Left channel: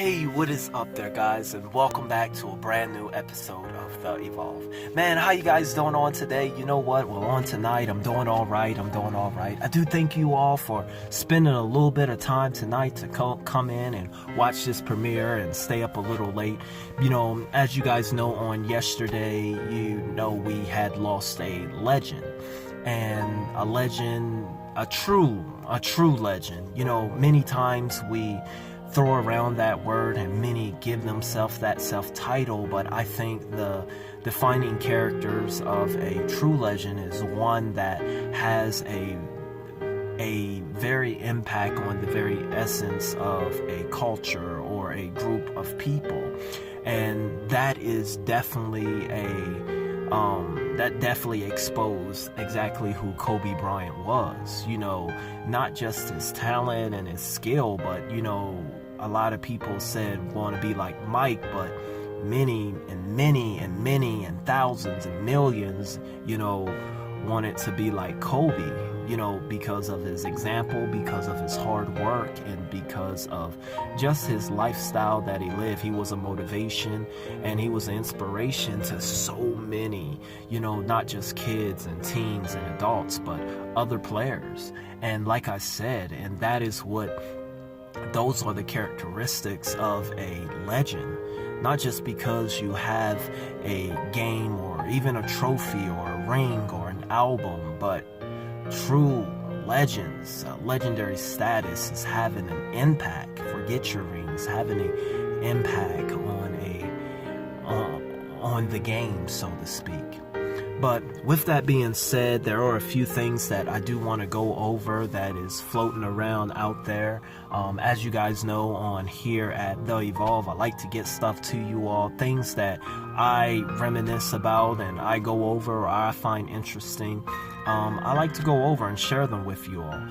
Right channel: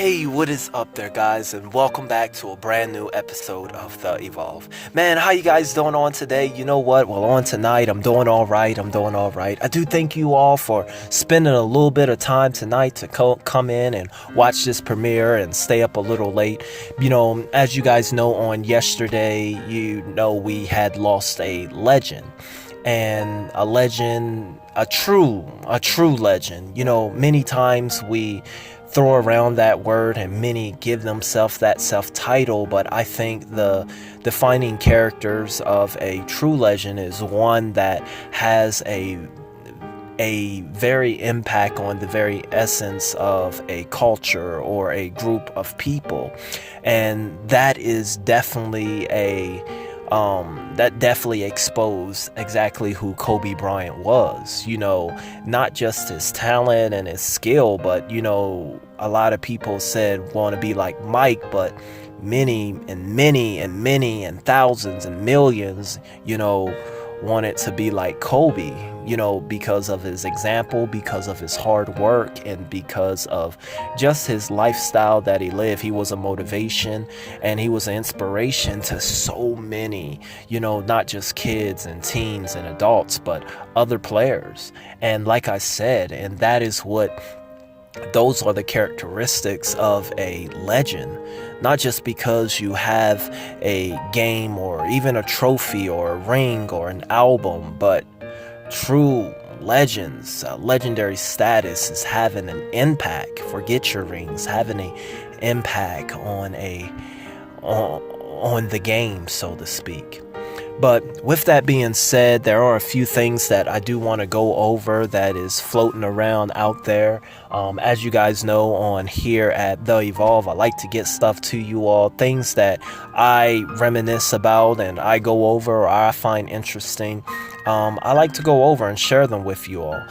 Hey, what is up there, guys, and welcome back to a brand new episode of The Evolve. Man, how you guys doing on today? You know what? Well, on tonight, I'm doing all right. I do thank you all for spending a little bit of time tonight to come in and watch this premiere and stay up a little late. You know, as you guys know, on yesterday, we had lost a legend. And a legend, a true legend. You know, many times we throw around that word and many give themselves that self-title, but I think the defining characters of a true legend is one that has a very impact on the very essence of a culture or a group of people. And that is definitely that definitely exposed exactly who Kobe Bryant was. You know, not just his talent and his skill, but, you know, a lot of people said want to be like Mike, but many and thousands and millions, you know, wanted to be like Kobe, you know, because of his example, because of his hard work, and because of just his lifestyle that he lived. He was a motivation and he was an inspiration to so many, you know, not just kids and teens and adults, but other players. And like I said, and that is those are the characteristics of a legend. Not just because you have a game or even a trophy or a ring or an album, but true legends, legendary status is having an impact. Forget your rings, having an impact on on the game, so to speak. But with that being said, there are a few things that I do want to go over that is floating around out there. As you guys know, on here at The Evolve, I like to get stuff to you all, things that I reminisce about and I go over or I find interesting. I like to go over and share them with you all.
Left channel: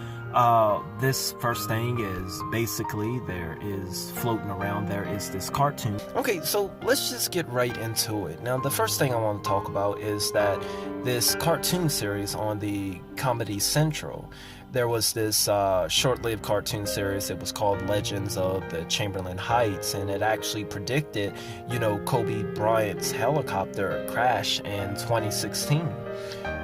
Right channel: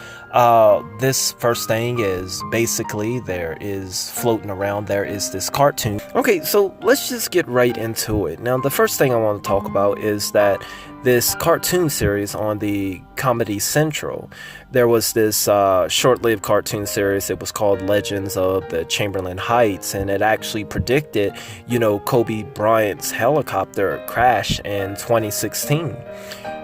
This first thing is basically there is this cartoon. Okay, so let's just get right into it. Now, the first thing I want to talk about is that this cartoon series on the Comedy Central, there was this short-lived cartoon series. It was called Legends of the Chamberlain Heights, and it actually predicted, you know, Kobe Bryant's helicopter crash in 2016.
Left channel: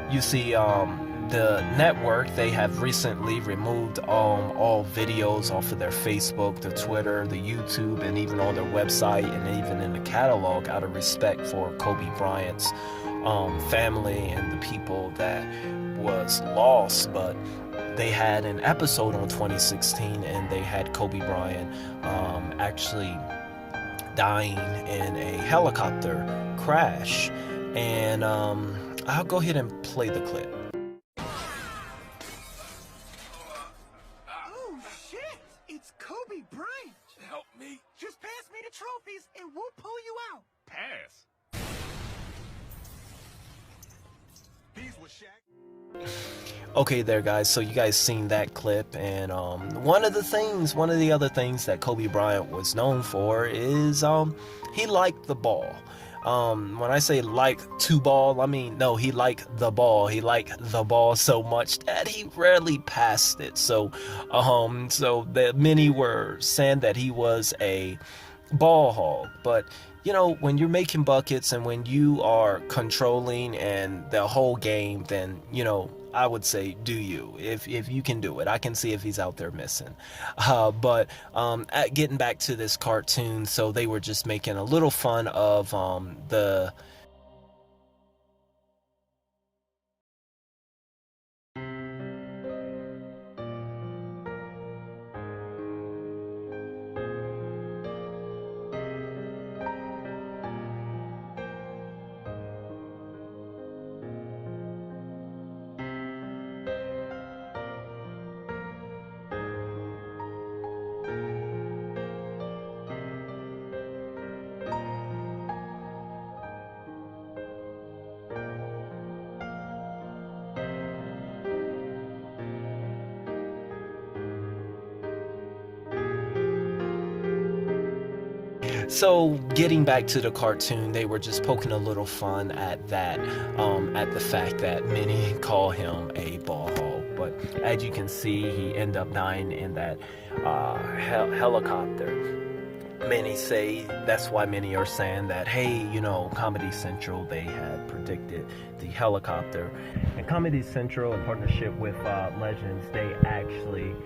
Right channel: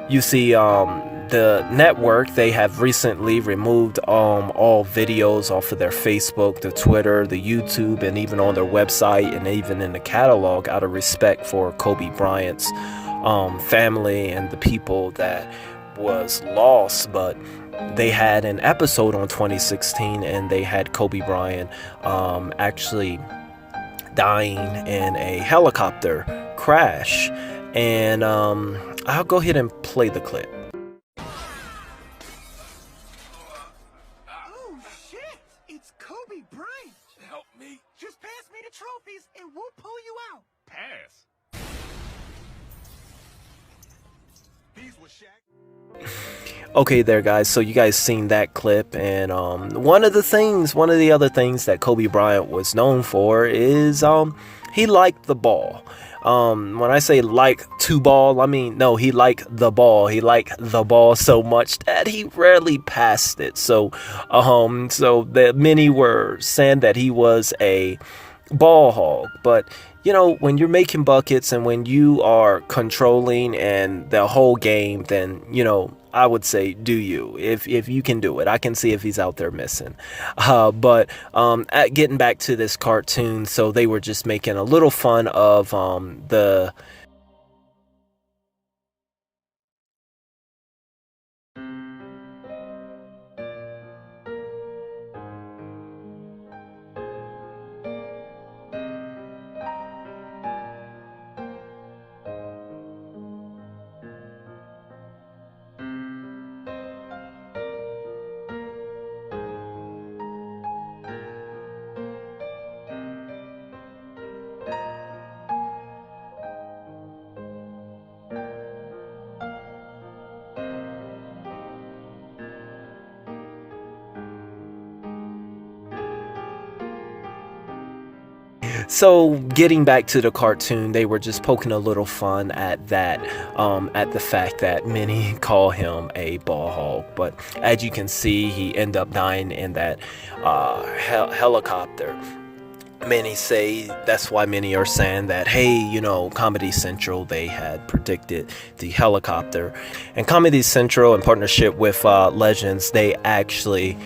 You see, the network, they have recently removed all videos off of their Facebook, the Twitter, the YouTube, and even on their website and even in the catalog out of respect for Kobe Bryant's family and the people that was lost. But they had an episode on 2016 and they had Kobe Bryant actually dying in a helicopter crash. And I'll go ahead and play the clip. Oh shit! It's Kobe Bryant! Help me. Just pass me the trophies and we'll pull you out. Pass. These were Shaq. Okay there, guys, so you guys seen that clip, and one of the other things that Kobe Bryant was known for is he liked the ball. When I say like to ball, I mean, no, he liked the ball. He liked the ball so much that he rarely passed it. So that many were saying that he was a ball hog. But, you know, when you're making buckets and when you are controlling and the whole game, then, you know, I would say do you, if you can do it. I can see if he's out there missing. But getting back to this cartoon, so they were just making a little fun of the So getting back to the cartoon, they were just poking a little fun at that, at the fact that many call him a ball hog. But as you can see, he ended up dying in that helicopter. many say that's why many are saying that, hey, Comedy Central, they had predicted the helicopter. And Comedy Central, in partnership with Legends, they actually,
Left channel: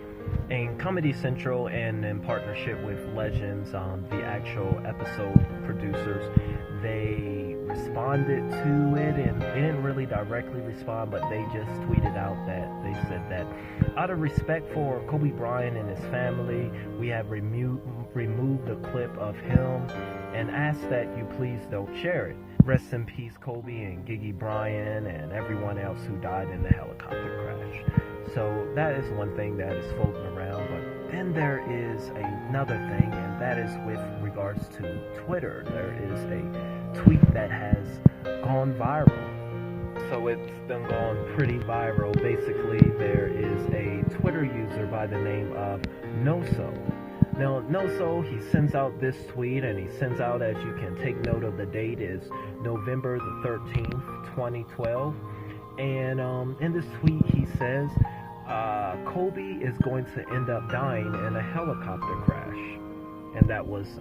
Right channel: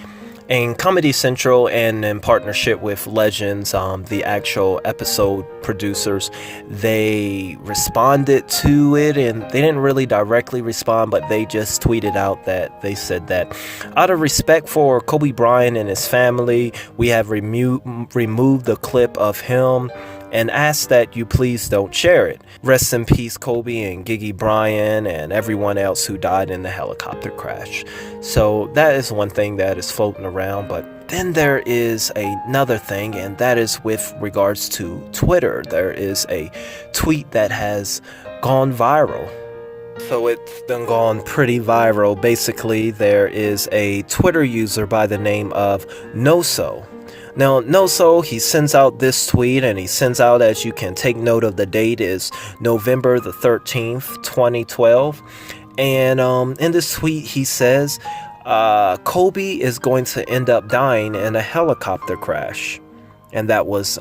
in Comedy Central and in partnership with Legends, the actual episode producers, they responded to it, and they didn't really directly respond, but they just tweeted out that they said that out of respect for Kobe Bryant and his family, we have removed the clip of him and ask that you please don't share it. Rest in peace, Kobe and Gigi Bryant and everyone else who died in the helicopter crash. So that is one thing that is floating around. But then there is another thing, and that is with regards to Twitter. There is a tweet that has gone viral. So it's been gone pretty viral. Basically, there is a Twitter user by the name of Noso. Now, Noso, he sends out this tweet, and he sends out, as you can take note of the date, is November the 13th, 2012. And in this tweet, he says, Kobe is going to end up dying in a helicopter crash. And that was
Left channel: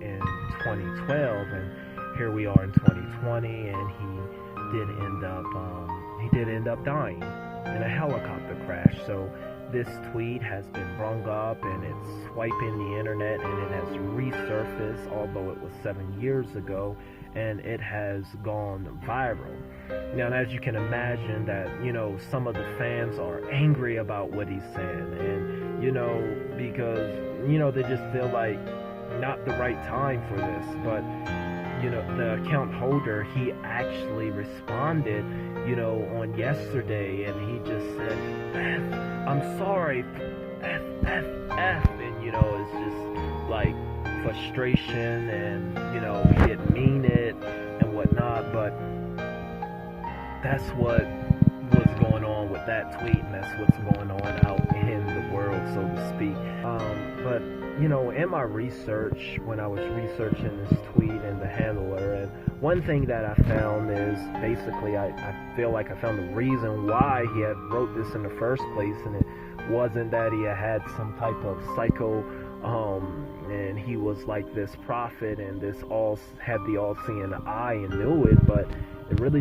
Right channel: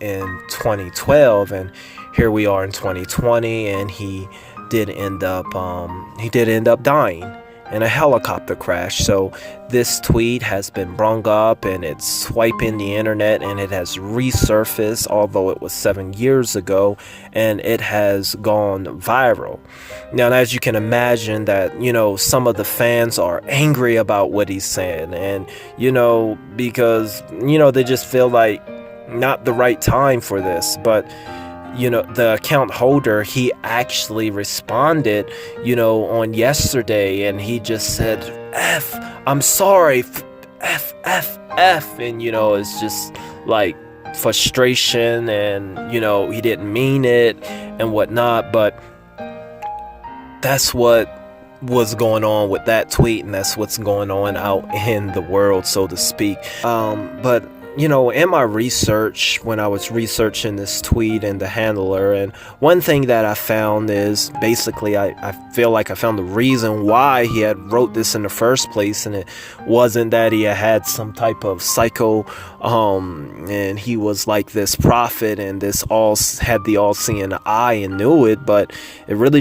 in 2012, and here we are in 2020, and he did end up dying in a helicopter crash. So this tweet has been brung up, and it's swiping the internet, and it has resurfaced, although it was 7 years ago, and it has gone viral. Now, as you can imagine, that some of the fans are angry about what he's saying, and because they just feel like not the right time for this. But the account holder, he actually responded, on yesterday, and he just said, F, I'm sorry, F, F, F. And, it's just like frustration, and, he didn't mean it and whatnot. But that's what was going on with that tweet, and that's what's going on out in the world, so to speak. But in my research, when I was researching this tweet and the handler, and one thing that I found is basically I feel like I found the reason why he had wrote this in the first place, and it wasn't that he had some type of psycho and he was like this prophet and this had the all-seeing eye and knew it, but it really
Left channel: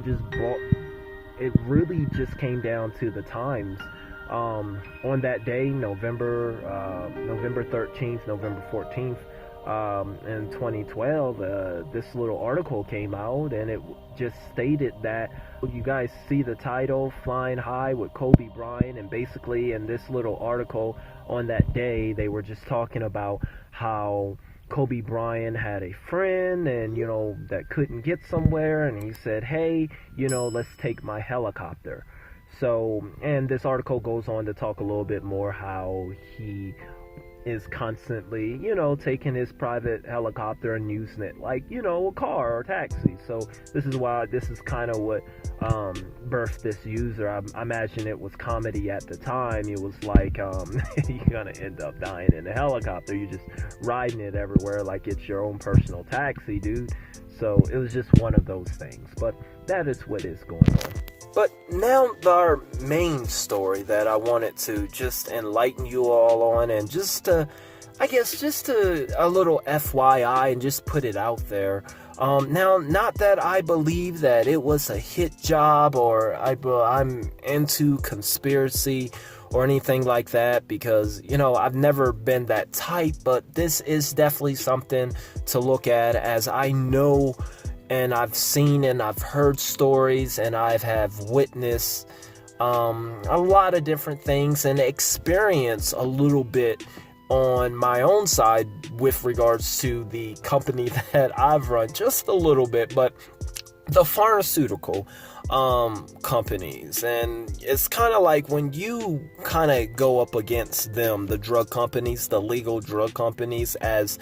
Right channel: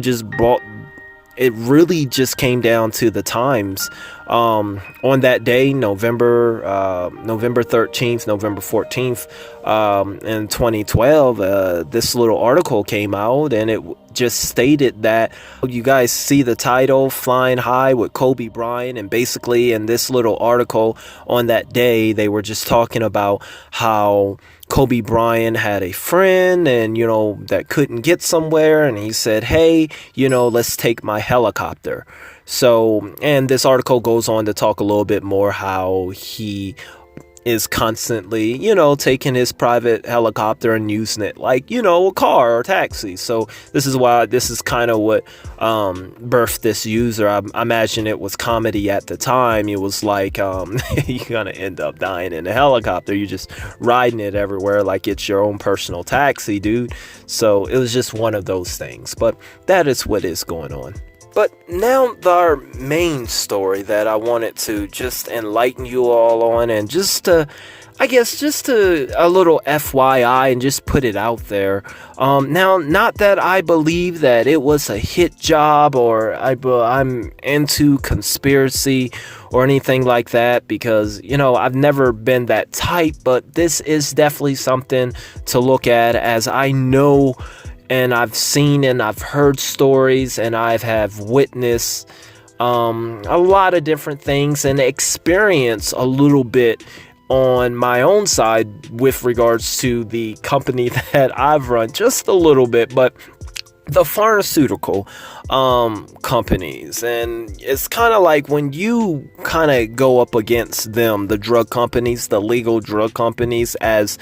just came down to the times. On that day, November 13th, November 14th, in 2012, this little article came out, and it just stated that, you guys see the title, Flying High with Kobe Bryant, and basically in this little article on that day, they were just talking about how Kobe Bryant had a friend, and that couldn't get somewhere, and he said, hey, let's take my helicopter. So, and this article goes on to talk a little bit more how he is constantly, taking his private helicopter and using it like, a car or taxi. So this is kind of what birthed this user. I imagine it was comedy at the time. It was like, you're gonna end up dying in a helicopter. You're just riding it everywhere like it's your own personal taxi, dude. So it was just one of those things. But that is what is going on. But now our main story that I wanted to just enlighten you all on, and just a little FYI and just put it out there. Now, not that I believe that it was a hit job, or I'm into conspiracy or anything like that, because, I've never been that type, but this is definitely something to look at, as I know, and I've seen and I've heard stories, and I have witnessed a lot of different things, and experienced a little bit on my own side with regards to the company that I've run, just a little bit, but the pharmaceutical companies. And it's kind of like when you kind of go up against them, the drug companies, the legal drug companies, as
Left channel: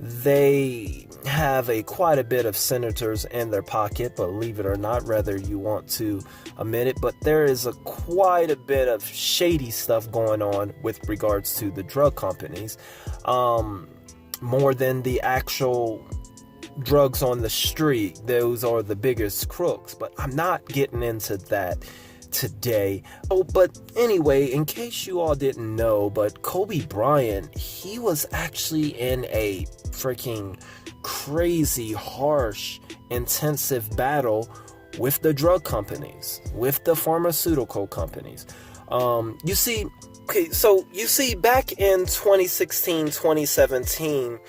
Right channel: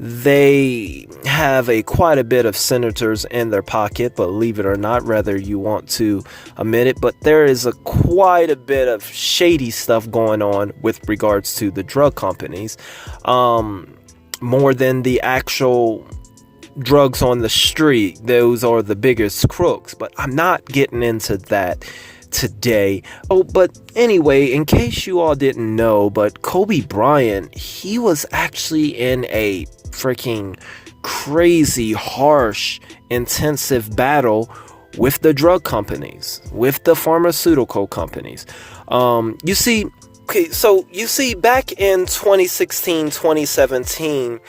they have quite a bit of senators in their pocket, believe it or not, whether you want to admit it. But there is quite a bit of shady stuff going on with regards to the drug companies, more than the actual drugs on the street. Those are the biggest crooks, but I'm not getting into that today. Oh, but anyway, in case you all didn't know, but Kobe Bryant, he was actually in a freaking crazy, harsh, intensive battle with the drug companies, with the pharmaceutical companies. You see, back in 2016, 2017,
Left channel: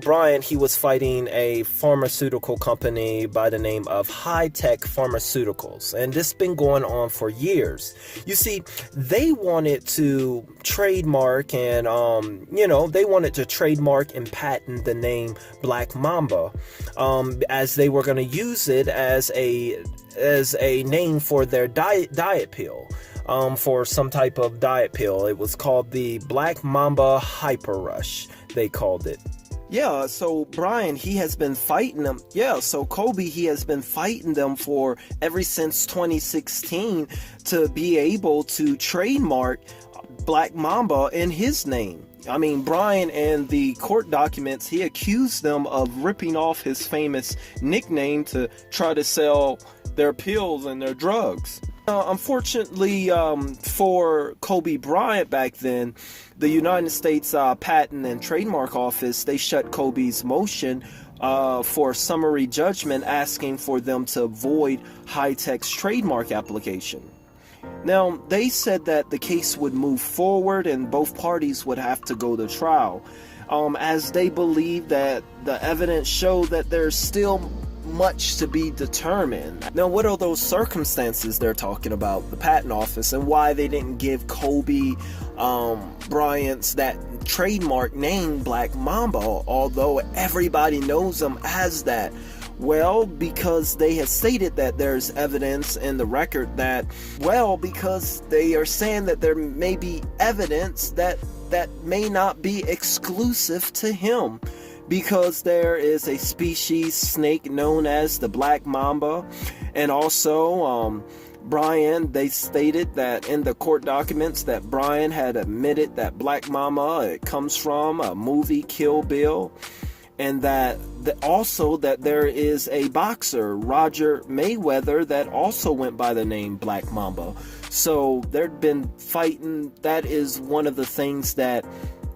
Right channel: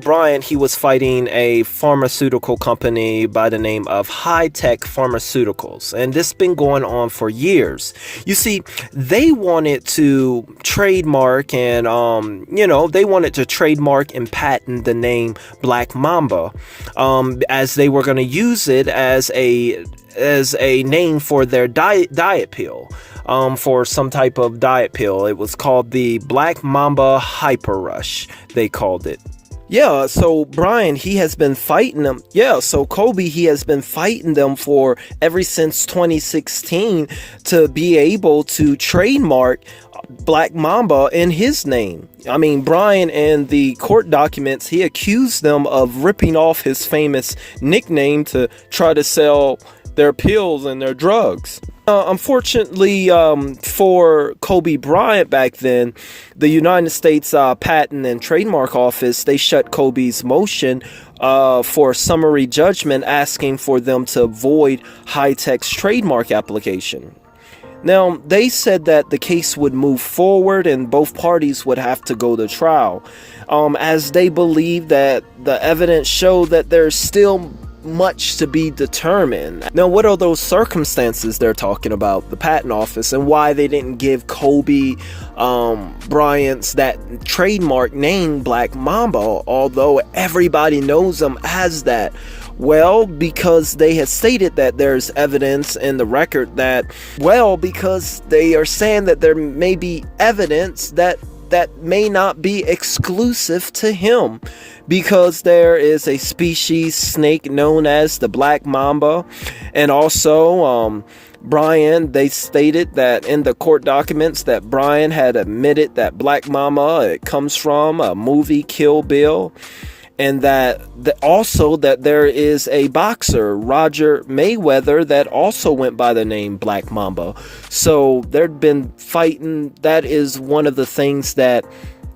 Bryant, he was fighting a pharmaceutical company by the name of High Tech Pharmaceuticals. And this has been going on for years. You see, they wanted to trademark and, patent the name Black Mamba, as they were going to use it as a name for their diet pill. For some type of diet pill. It was called the Black Mamba Hyper Rush, they called it. Yeah, so Brian, he has been fighting them. Yeah, so Kobe, he has been fighting them for ever since 2016 to be able to trademark Black Mamba in his name. I mean, Brian, in the court documents, he accused them of ripping off his famous nickname to try to sell their pills and their drugs. Unfortunately, for Kobe Bryant back then, the United States Patent and Trademark Office, they shut Kobe's motion for summary judgment, asking for them to void High Tech's trademark application. Now, they said that the case would move forward and both parties would have to go to trial, as they believe that the evidence showed that there's still much to be determined. Now, what are those circumstances they're talking about, the patent office, and why they didn't give Kobe Bryant's that trademark name Black Mamba, although everybody knows him as that? Well, because they had stated that there's evidence in the record that, because they are saying that there may be evidence that may not be exclusive to him, because there is a species snake known as the Black Mamba. And also, Brian, they stated that in the court documents that Brian had admitted that Black Mamba, it comes from a movie, Kill Bill. And that also that there is a boxer, Roger Mayweather, that also went by the name Black Mamba. So there'd been fighting. That is one of the things that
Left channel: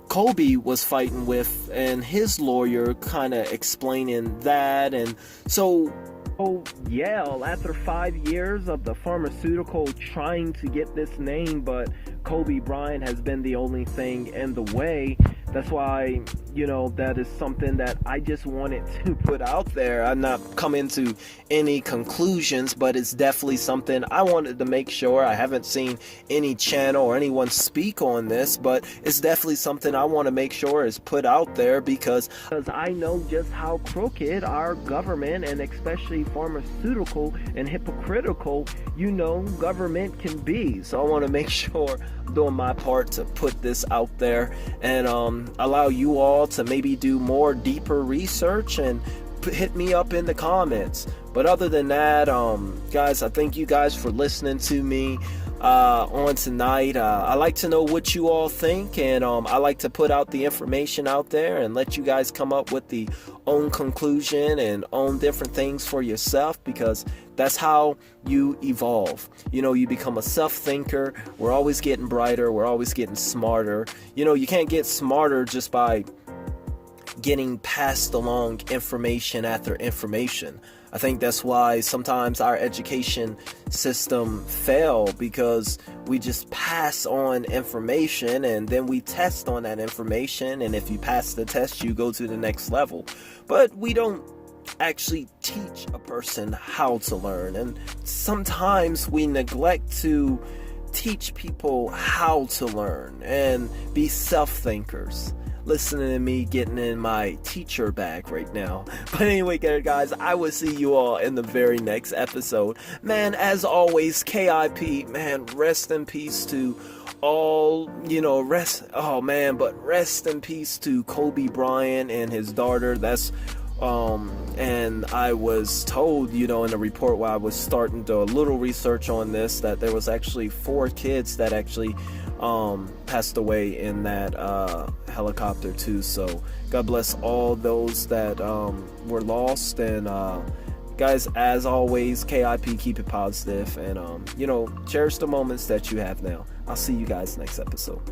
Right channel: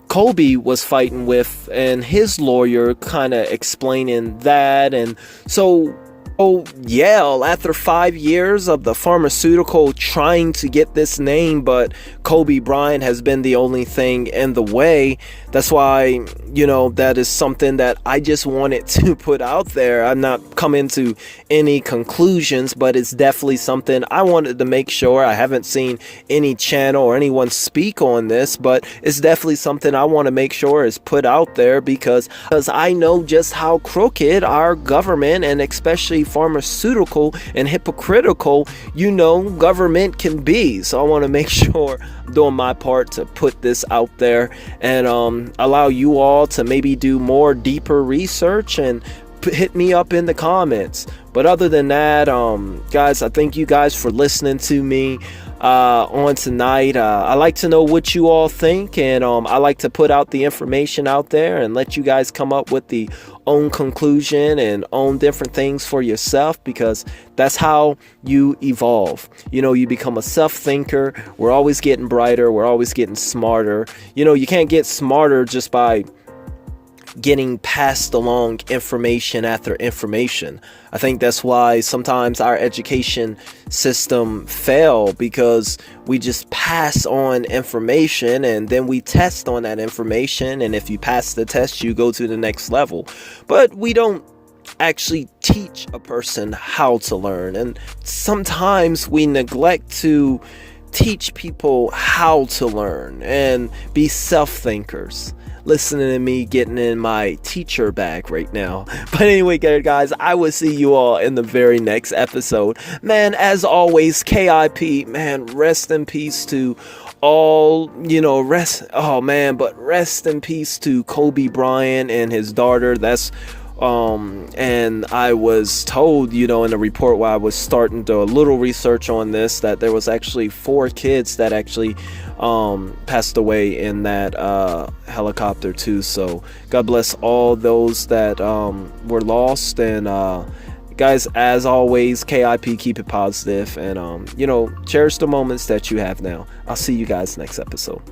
Kobe was fighting with, and his lawyer kind of explaining that. And so, after 5 years of the pharmaceutical trying to get this name, but Kobe Bryant has been the only thing in the way. That's why, that is something that I just wanted to put out there. I'm not coming to any conclusions, but it's definitely something I wanted to make sure. I haven't seen any channel or anyone speak on this, but it's definitely something I want to make sure is put out there, because I know just how crooked our government, and especially pharmaceutical and hypocritical, government can be. So I want to make sure I'm doing my part to put this out there and allow you all to maybe do more deeper research and hit me up in the comments. But other than that, guys, I thank you guys for listening to me on tonight. I like to know what you all think, and I like to put out the information out there and let you guys come up with the own conclusion and own different things for yourself, because that's how you evolve. You become a self-thinker. We're always getting brighter. We're always getting smarter. You can't get smarter just by getting passed along information after information. I think that's why sometimes our education system fail, because we just pass on information and then we test on that information, and if you pass the test, you go to the next level. But we don't actually teach a person how to learn, and sometimes we neglect to teach people how to learn and be self-thinkers. Listening to me getting in my teacher bag right now. But anyway, guys, I will see you all in the very next episode. Man, as always, KIP, man, rest in peace to all, rest in peace to Kobe Bryant and his daughter. That's and I was told, in the report while I was starting to do a little research on this, that there was actually 4 kids that actually passed away in that helicopter too. So God bless all those that were lost, and guys, as always, KIP, keep it positive, and cherish the moments that you have now. I'll see you guys next episode.